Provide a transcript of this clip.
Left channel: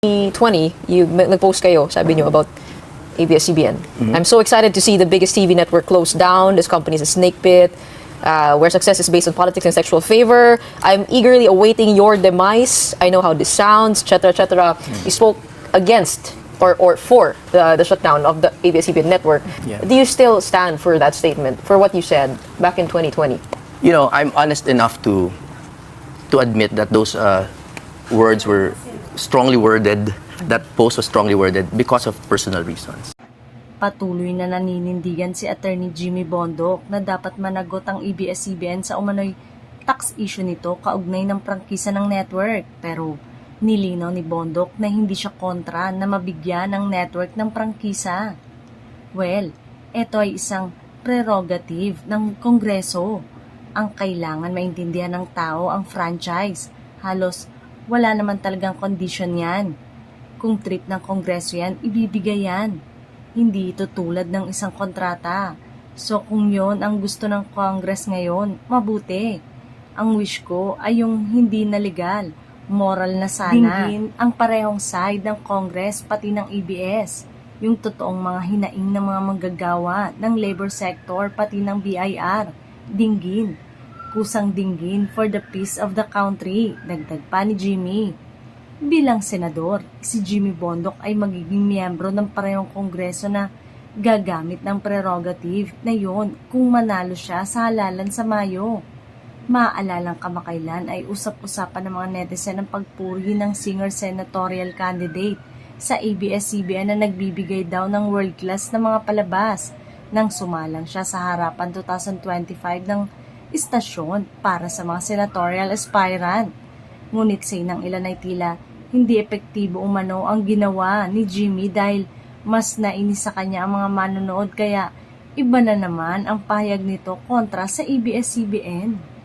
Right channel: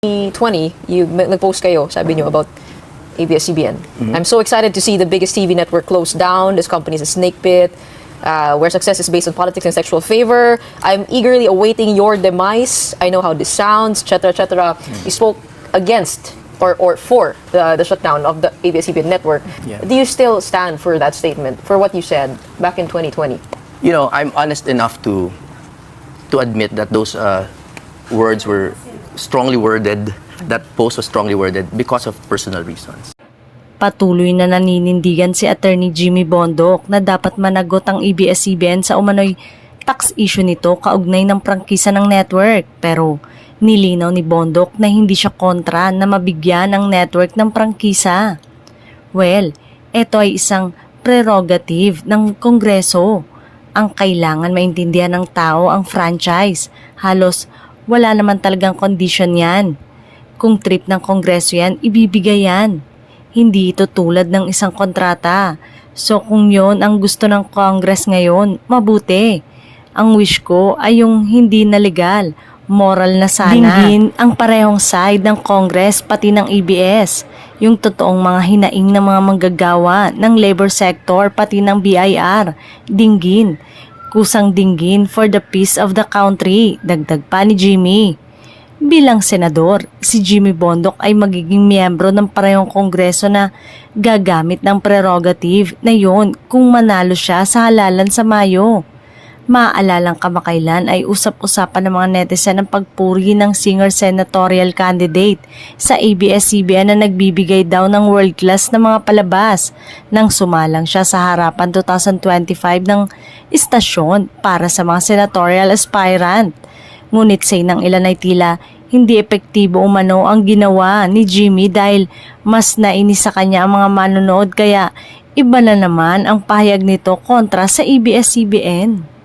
2020, nag-post kayo, sabi niyo, about ABS-CBN. I'm so excited to see the biggest TV network close down. This company is a snake pit, where success is based on politics and sexual favor. I'm eagerly awaiting your demise. I know how this sounds, etc., etc. You spoke against or for the shutdown of the ABS-CBN network. Yeah. Do you still stand for that statement, for what you said back in 2020? You know, I'm honest enough to admit that those words were strongly worded, that post was strongly worded because of personal reasons. Patuloy na naninindigan si Attorney Jimmy Bondoc na dapat managot ang ABS-CBN sa umano'y tax issue nito kaugnay ng prangkisa ng network. Pero nilinaw ni Bondoc na hindi siya kontra na mabigyan ng network ng prangkisa. Well, ito ay isang prerogative ng Kongreso. Ang kailangan maintindihan ng tao ang franchise. Halos wala naman talagang condition yan. Kung trip ng Kongreso yan, ibibigay yan. Hindi ito tulad ng isang kontrata. So kung yon ang gusto ng Congress ngayon, mabuti. Ang wish ko ay yung hindi na legal, moral na sana. Dinggin ang parehong side ng Congress pati ng ABS. Yung totoong mga hinaing ng mga manggagawa ng labor sector pati ng BIR. Dinggin. Kusang dinggin for the peace of the country. Dagdag pa ni Jimmy. Bilang senador, si Jimmy Bondoc ay magiging miyembro ng parehong kongreso na gagamit ng prerogative na yon kung manalo siya sa halalan sa Mayo. Maaalalang kamakailan ay usap-usapan ng mga netizen ang pagpuri ng singer senatorial candidate sa ABS-CBN na nagbibigay daw ng world-class na mga palabas nang sumalang siya sa harapan 2025 ng istasyon para sa mga senatorial aspirant. Ngunit say ng ilan ay tila hindi epektibo umano ang ginawa ni Jimmy dahil mas nainis sa kanya ang mga manonood kaya iba na naman ang pahayag nito kontra sa ABS-CBN.